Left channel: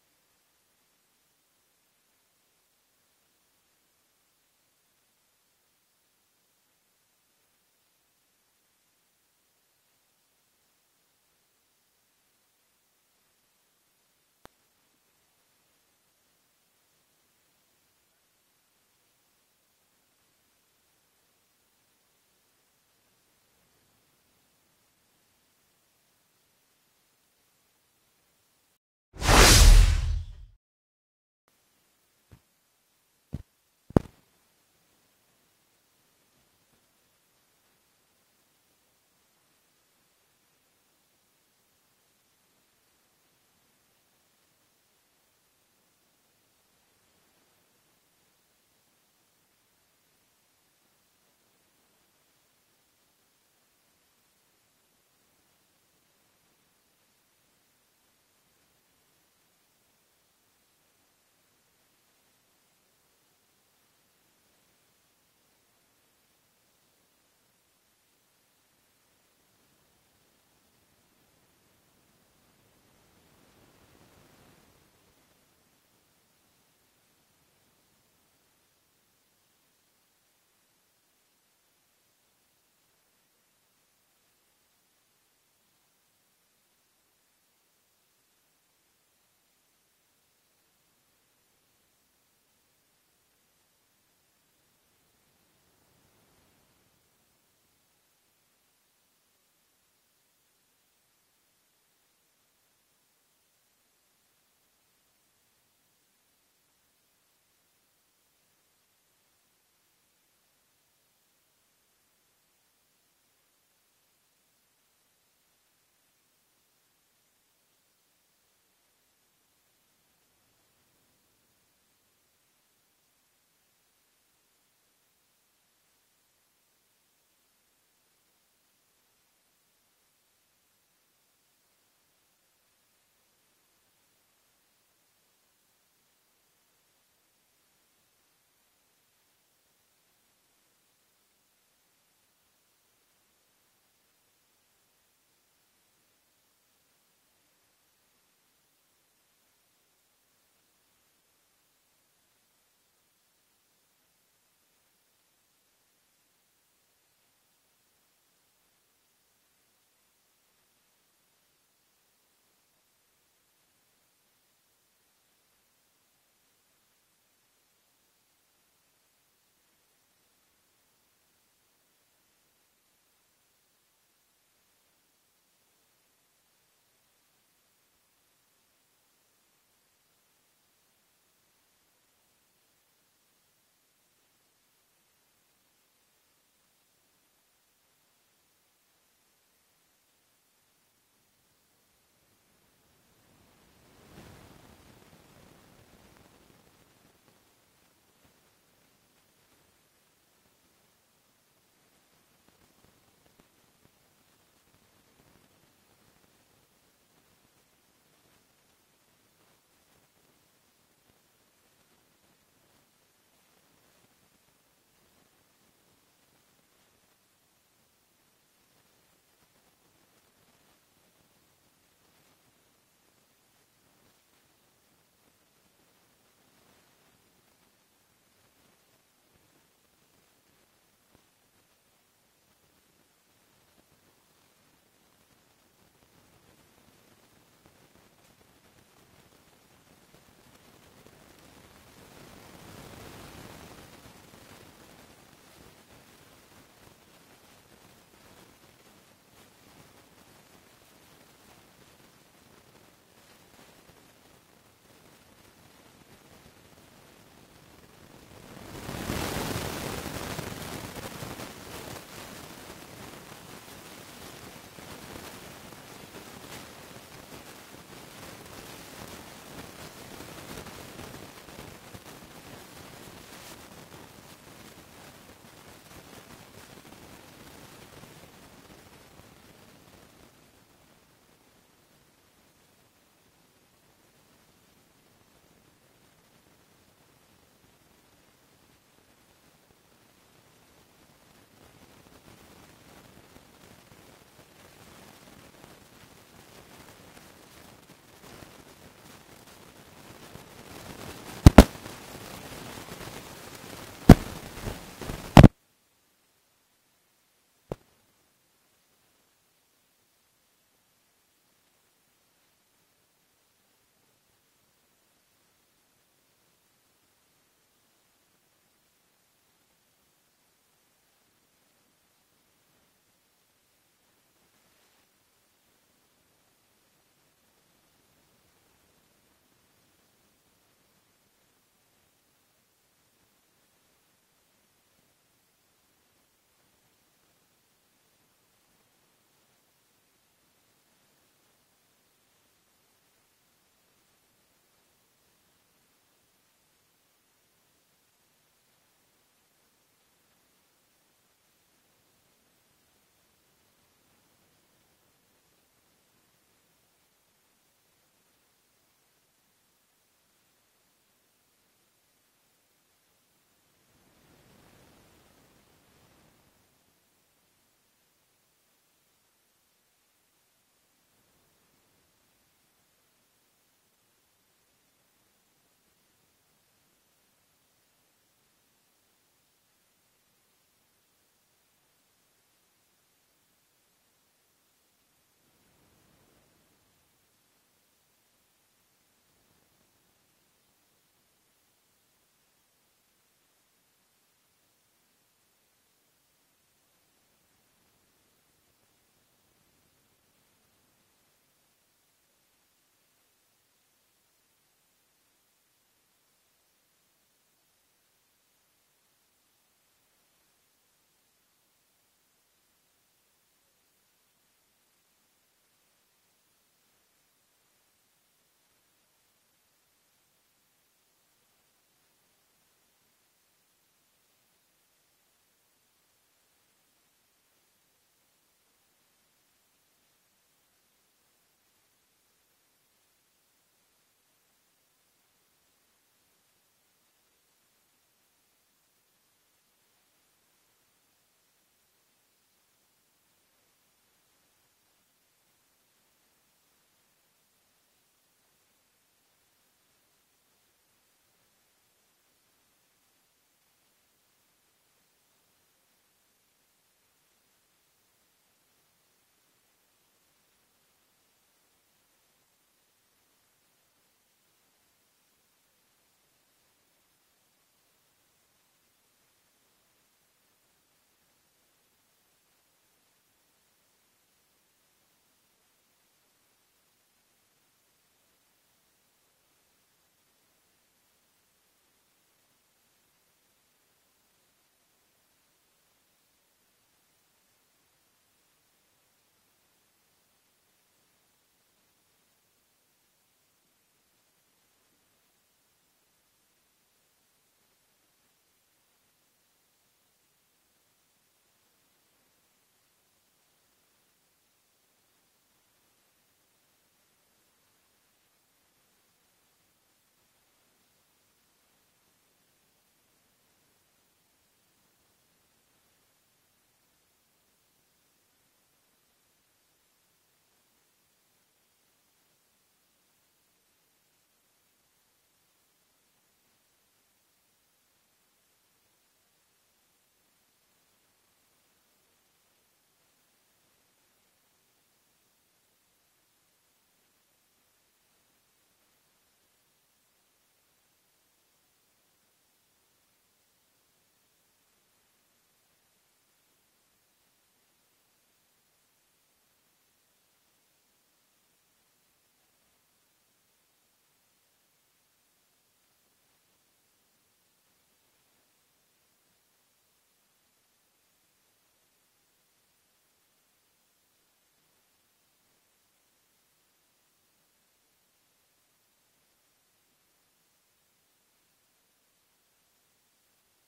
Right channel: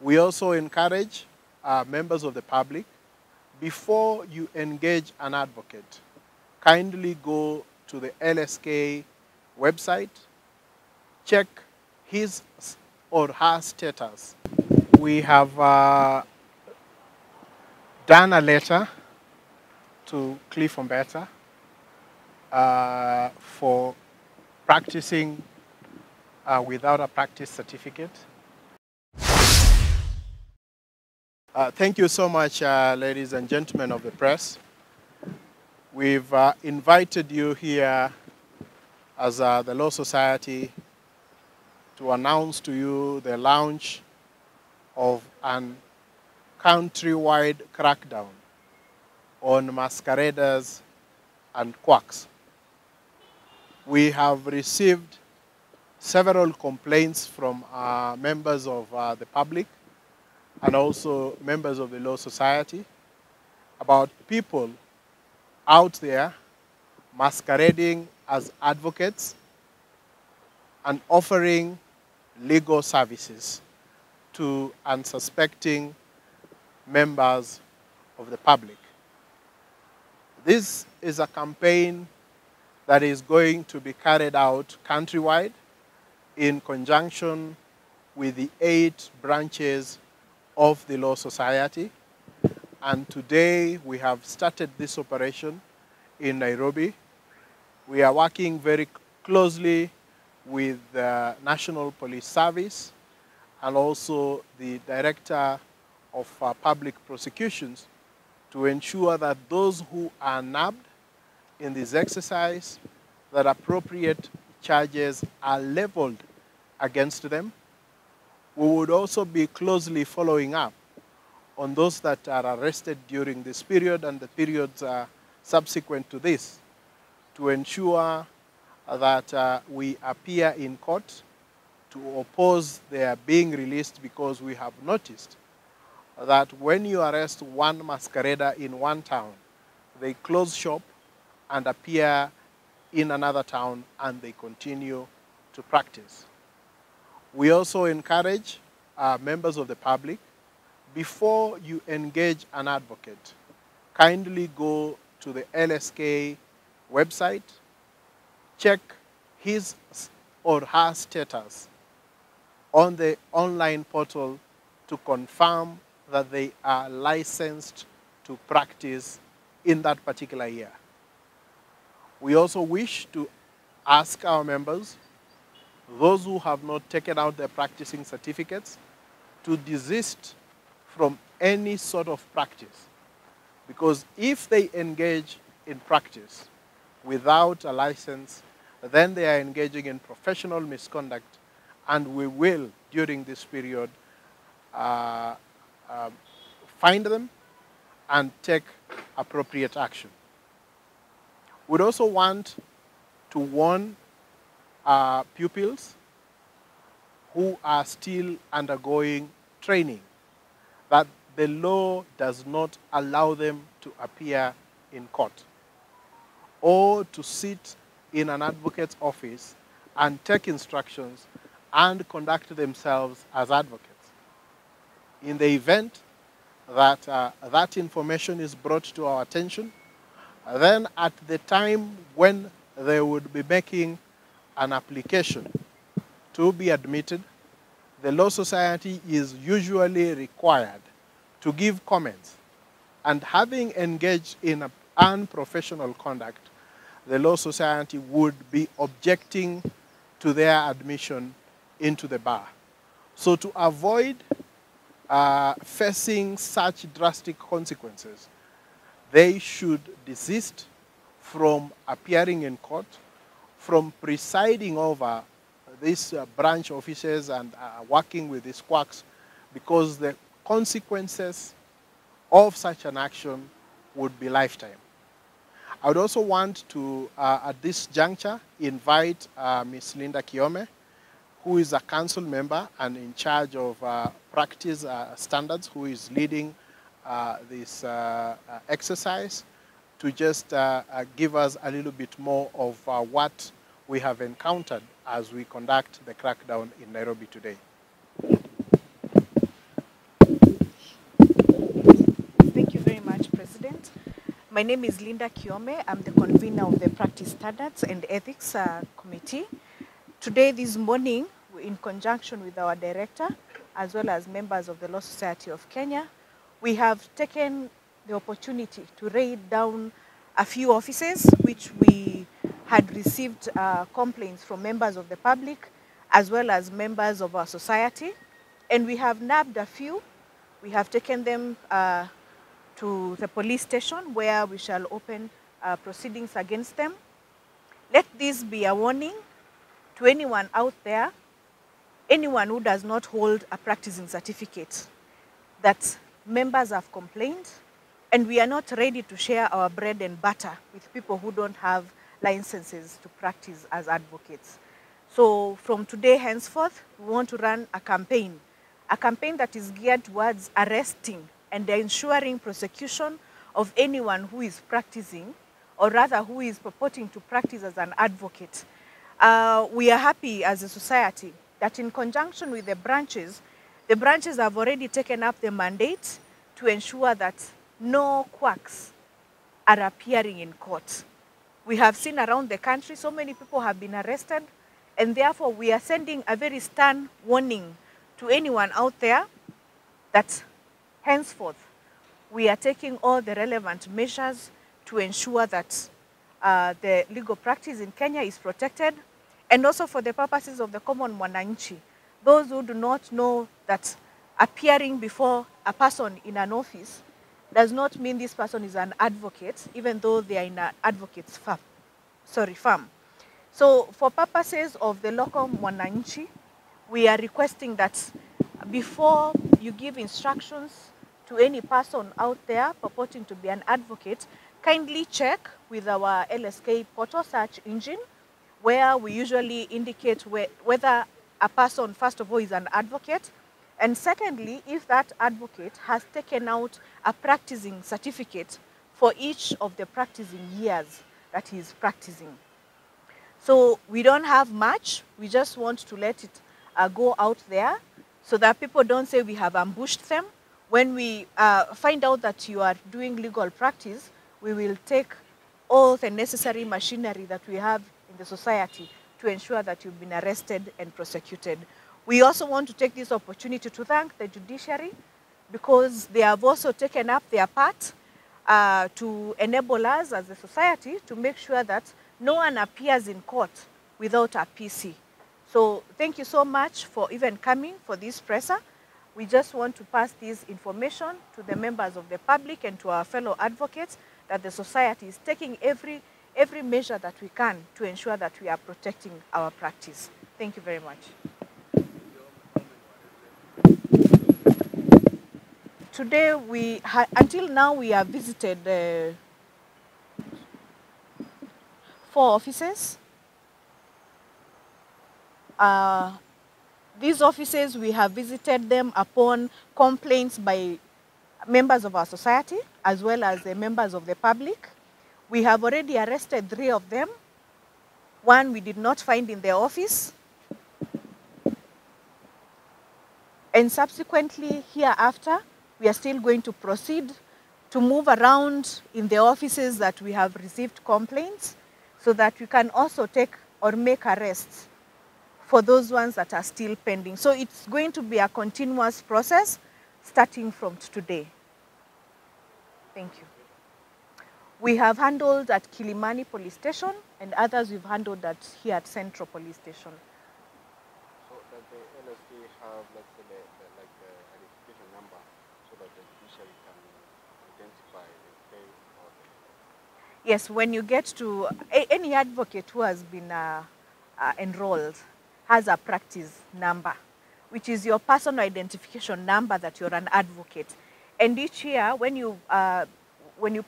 We also encourage members of the public, before you engage an advocate, kindly go to the LSK website, check his or her status. We have done a letter to Cliff Umbeta for practicing without a practice certificate. Thank you so much, ladies and gentlemen of the press. We've invited you here as the Law Society to announce to you the launch of an countrywide crackdown on masqueraders and quacks. We have received several complaints from members of the public and also members of the Law Society about people out there masquerading as advocates and offering legal services to unsuspecting members of the public. This is a campaign that is going to be carried out countrywide in conjunction with the 8 branches of the Law Society. And today we have started this operation in Nairobi. We are working very closely with the National Police Service and also the Director of Public Prosecutions to ensure that those who are nabbed in this exercise, that appropriate charges are leveled against them. We would also be closely following up on those that are arrested during this period and the periods subsequent to this to ensure that we appear in court to oppose their being released, because we have noticed that when you arrest one masquerader in one town, they close shop and appear in another town and they continue to practice. We also encourage members of the public, before you engage an advocate, kindly go to the LSK website, check his or her status on the online portal to confirm that they are licensed to practice in that particular year. We also wish to ask our members, those who have not taken out their practicing certificates, to desist from any sort of practice. Because if they engage in practice without a license, then they are engaging in professional misconduct, and we will, during this period, find them and take appropriate action. We'd also want to warn pupils who are still undergoing training that the law does not allow them to appear in court or to sit in an advocate's office and take instructions and conduct themselves as advocates. In the event that that information is brought to our attention, then at the time when they would be making an application to be admitted, the Law Society is usually required to give comments. And having engaged in unprofessional conduct, the Law Society would be objecting to their admission into the bar. So to avoid facing such drastic consequences, they should desist from appearing in court, from presiding over these branch officers and working with these quacks, because the consequences of such an action would be lifetime. I would also want to, at this juncture, invite Ms. Linda Kiome, who is a council member and in charge of practice standards, who is leading this exercise, to just give us a little bit more of what we have encountered as we conduct the crackdown in Nairobi today. My name is Linda Kiome. I'm the convener of the Practice Standards and Ethics Committee. Today, this morning, in conjunction with our director, as well as members of the Law Society of Kenya, we have taken the opportunity to raid down a few offices which we had received complaints from members of the public as well as members of our society. And we have nabbed a few. We have taken them to the police station where we shall open proceedings against them. Let this be a warning to anyone out there, anyone who does not hold a practicing certificate, that members have complained and we are not ready to share our bread and butter with people who don't have licenses to practice as advocates. So from today henceforth, we want to run a campaign that is geared towards arresting and ensuring prosecution of anyone who is practicing, or rather who is purporting to practice as an advocate. We are happy as a society that in conjunction with the branches have already taken up the mandate to ensure that no quacks are appearing in court. We have seen around the country so many people have been arrested, and therefore we are sending a very stern warning to anyone out there that henceforth we are taking all the relevant measures to ensure that the legal practice in Kenya is protected, and also for the purposes of the common mwananchi, those who do not know that appearing before a person in an office does not mean this person is an advocate, even though they are in an advocate's firm. So for purposes of the local mwananchi, we are requesting that before you give instructions to any person out there purporting to be an advocate, kindly check with our LSK portal search engine, where we usually indicate whether a person, first of all, is an advocate, and secondly, if that advocate has taken out a practicing certificate for each of the practicing years that he is practicing. So we don't have much. We just want to let it go out there so that people don't say we have ambushed them. When we find out that you are doing legal practice, we will take all the necessary machinery that we have in the society to ensure that you've been arrested and prosecuted. We also want to take this opportunity to thank the judiciary, because they have also taken up their part to enable us as a society to make sure that no one appears in court without a PC. So thank you so much for even coming for this presser. We just want to pass this information to the members of the public and to our fellow advocates that the society is taking every measure that we can to ensure that we are protecting our practice. Thank you very much. Today, until now, we have visited 4 offices. These offices, we have visited them upon complaints by members of our society as well as the members of the public. We have already arrested 3 of them. 1 we did not find in the office. And subsequently, hereafter, we are still going to proceed to move around in the offices that we have received complaints so that we can also take or make arrests for those ones that are still pending. So it's going to be a continuous process starting from today. Thank you. We have handled at Kilimani Police Station, and others we've handled here at Central Police Station. So does the LSK have like the identification number so that the judiciary can identify the claim or the... Yes, when you get to any advocate who has been enrolled has a practice number, which is your personal identification number that you're an advocate. And each year, when you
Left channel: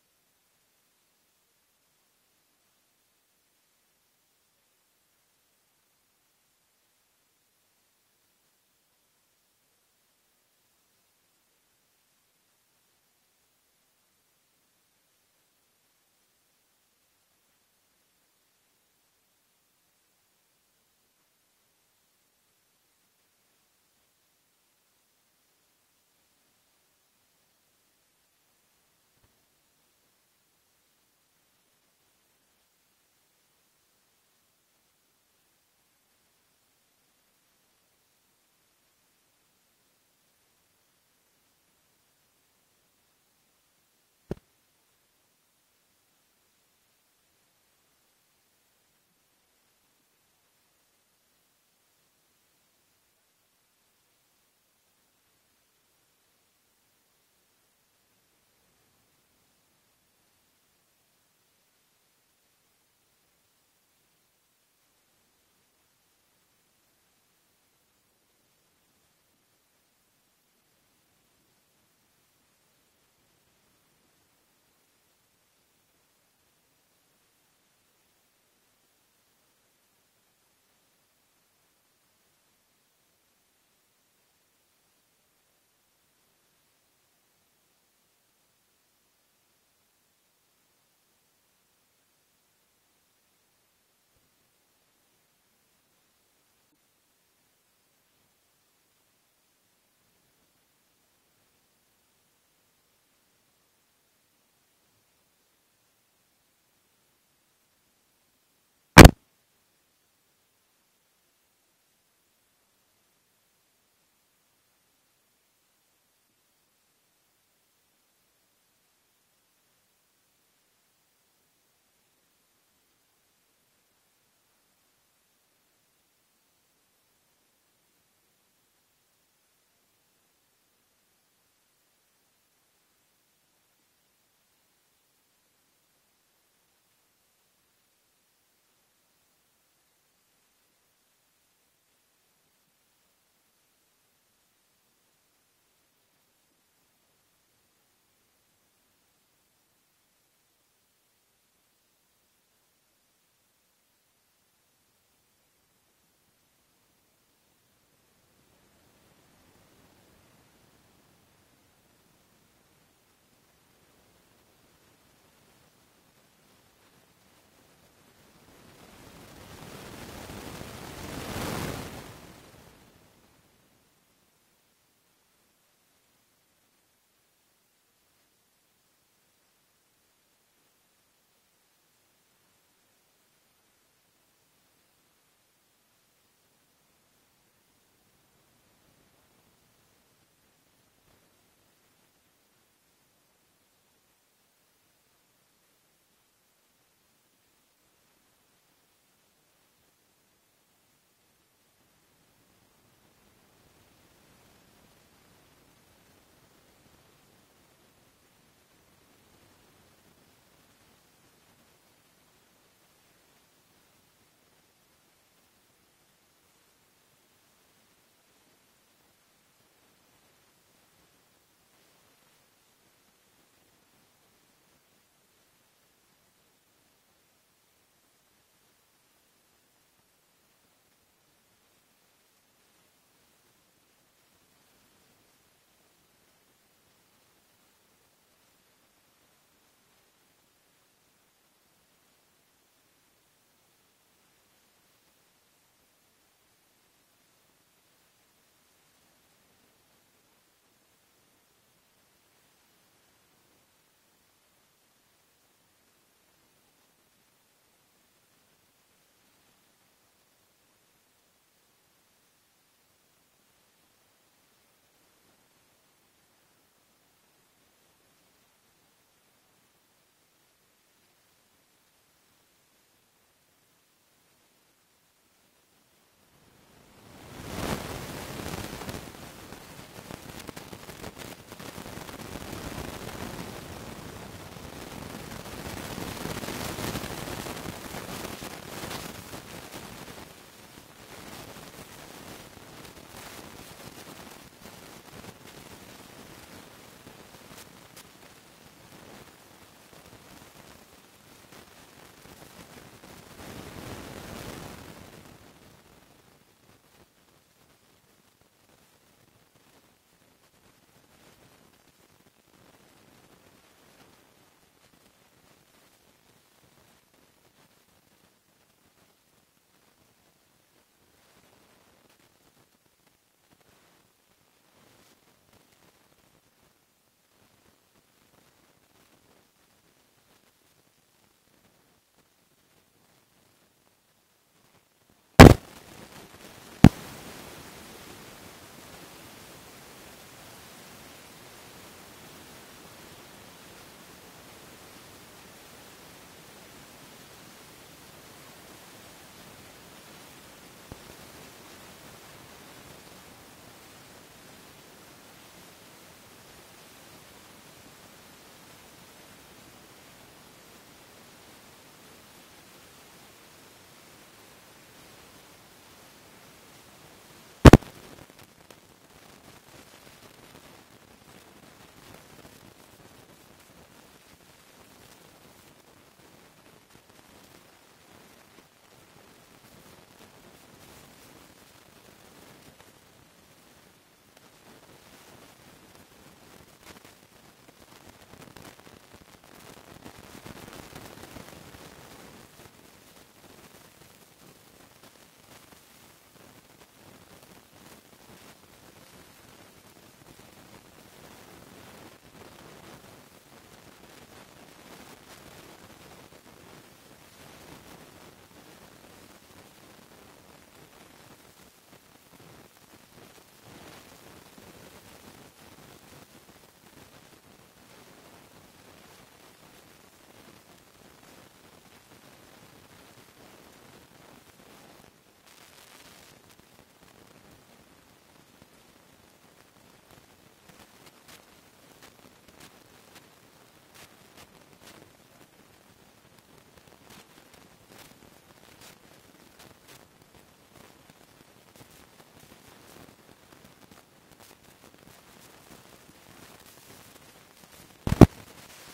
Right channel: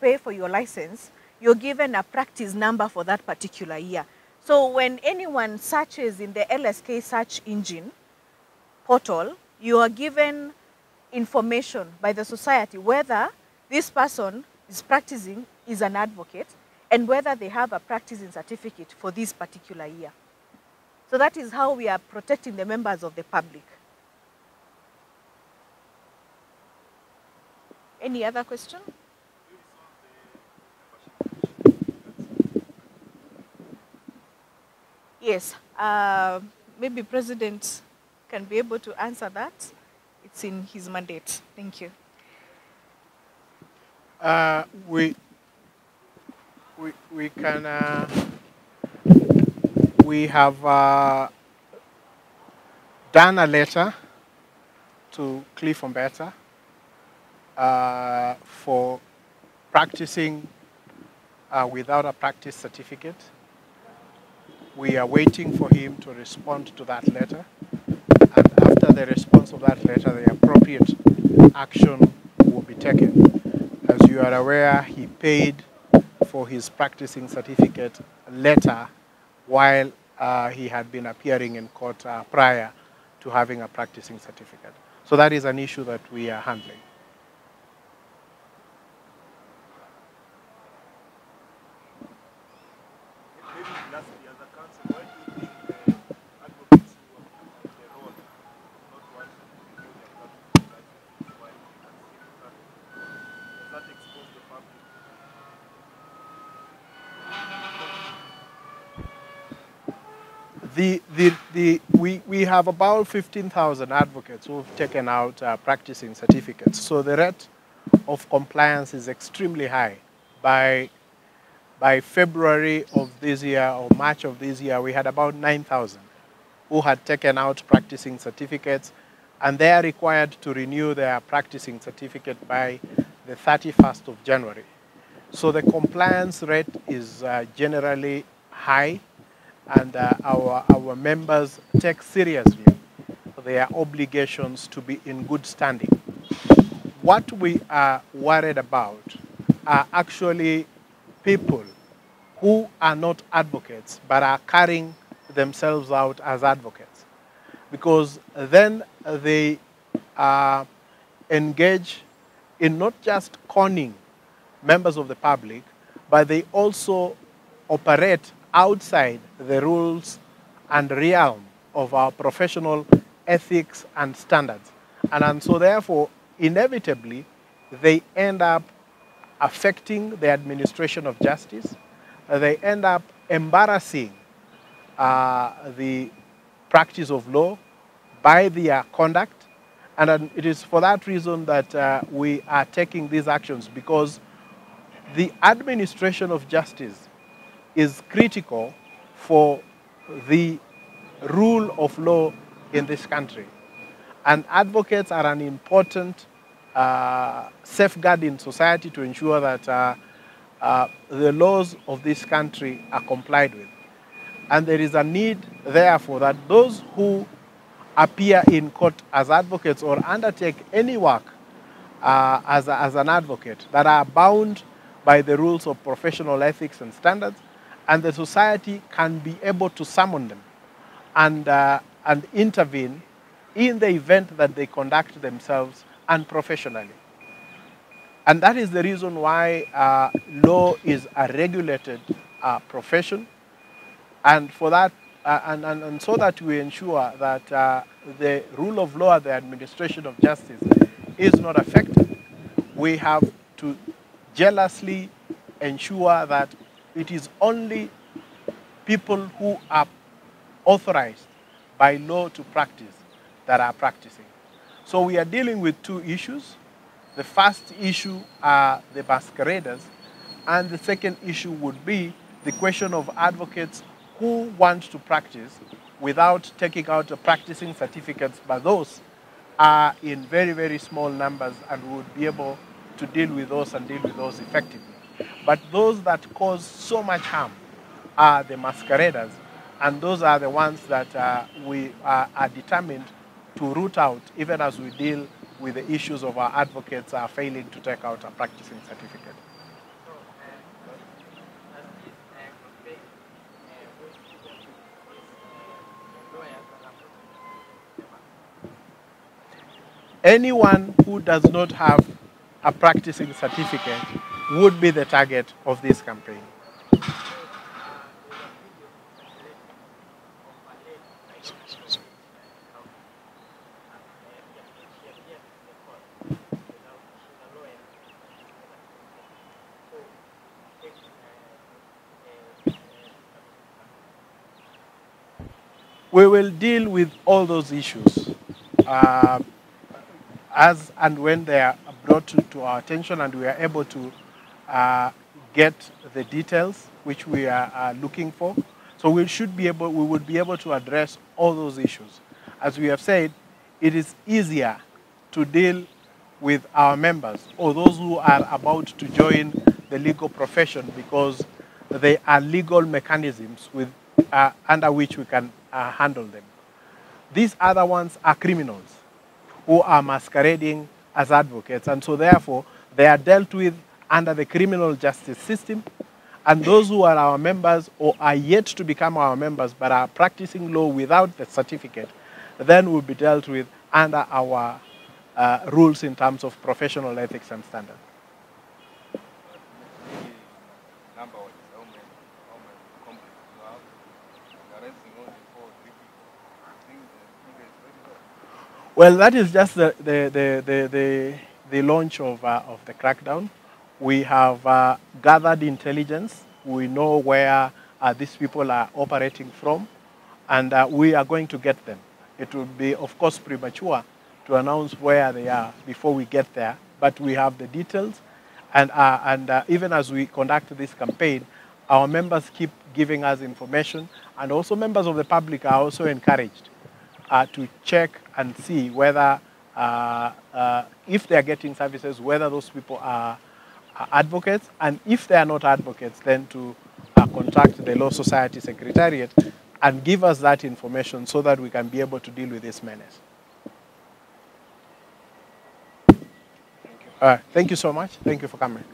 pay for your license, you're given a practice number for that particular year. So when anyone searches in the LSK search engine portal, you are given information by the society whether this person is practicing, is an advocate, and whether they have a practicing certificate for this particular year. So that is how we are protecting the members of the public. Any other question? Yes, maybe President can be able to answer that. It's in his mandate. Thank you. We can we have done a letter to Cliff Umbeta for practicing without a practice certificate. We are waiting for him to respond to that letter. And after the response of that letter, the appropriate action will be taken. As you are aware, he paid for his practicing certificate letter while he had been appearing in court prior to having a practicing certificate. So that is an issue that we are handling. We have about 15,000 advocates who have taken out practicing certificates. So the rate of compliance is extremely high. By February of this year or March of this year, we had about 9,000 who had taken out practicing certificates, and they are required to renew their practicing certificate by the 31st of January. So the compliance rate is generally high, and our members take seriously their obligations to be in good standing. What we are worried about are actually people who are not advocates but are carrying themselves out as advocates, because then they engage in not just conning members of the public, but they also operate outside the rules and realm of our professional ethics and standards. And so therefore, inevitably, they end up affecting the administration of justice. They end up embarrassing the practice of law by their conduct. And it is for that reason that we are taking these actions, because the administration of justice is critical for the rule of law in this country. And advocates are an important safeguard in society to ensure that the laws of this country are complied with. And there is a need, therefore, that those who appear in court as advocates or undertake any work as an advocate that are bound by the rules of professional ethics and standards, and the society can be able to summon them and intervene in the event that they conduct themselves unprofessionally. And that is the reason why law is a regulated profession, and for that, and so that we ensure that the rule of law and the administration of justice is not affected, we have to jealously ensure that it is only people who are authorized by law to practice that are practicing. So we are dealing with two issues. The first issue are the masqueraders, and the second issue would be the question of advocates who want to practice without taking out a practicing certificate, but those are in very, very small numbers, and would be able to deal with those and deal with those effectively. But those that cause so much harm are the masqueraders, and those are the ones that we are determined to root out, even as we deal with the issues of our advocates failing to take out a practicing certificate. Anyone who does not have a practicing certificate would be the target of this campaign. We will deal with all those issues as and when they are brought to our attention and we are able to get the details which we are looking for. So we would be able to address all those issues. As we have said, it is easier to deal with our members or those who are about to join the legal profession because they are legal mechanisms under which we can handle them. These other ones are criminals who are masquerading as advocates, and so therefore they are dealt with under the criminal justice system, and those who are our members or are yet to become our members but are practicing law without the certificate, then will be dealt with under our rules in terms of professional ethics and standards. Well, that is just the launch of the crackdown. We have gathered intelligence. We know where these people are operating from, and we are going to get them. It would be, of course, premature to announce where they are before we get there, but we have the details. And even as we conduct this campaign, our members keep giving us information, and also members of the public are also encouraged to check and see whether, if they are getting services, whether those people are advocates, and if they are not advocates, then to contact the Law Society Secretariat and give us that information so that we can be able to deal with this menace. Thank you so much. Thank you for coming.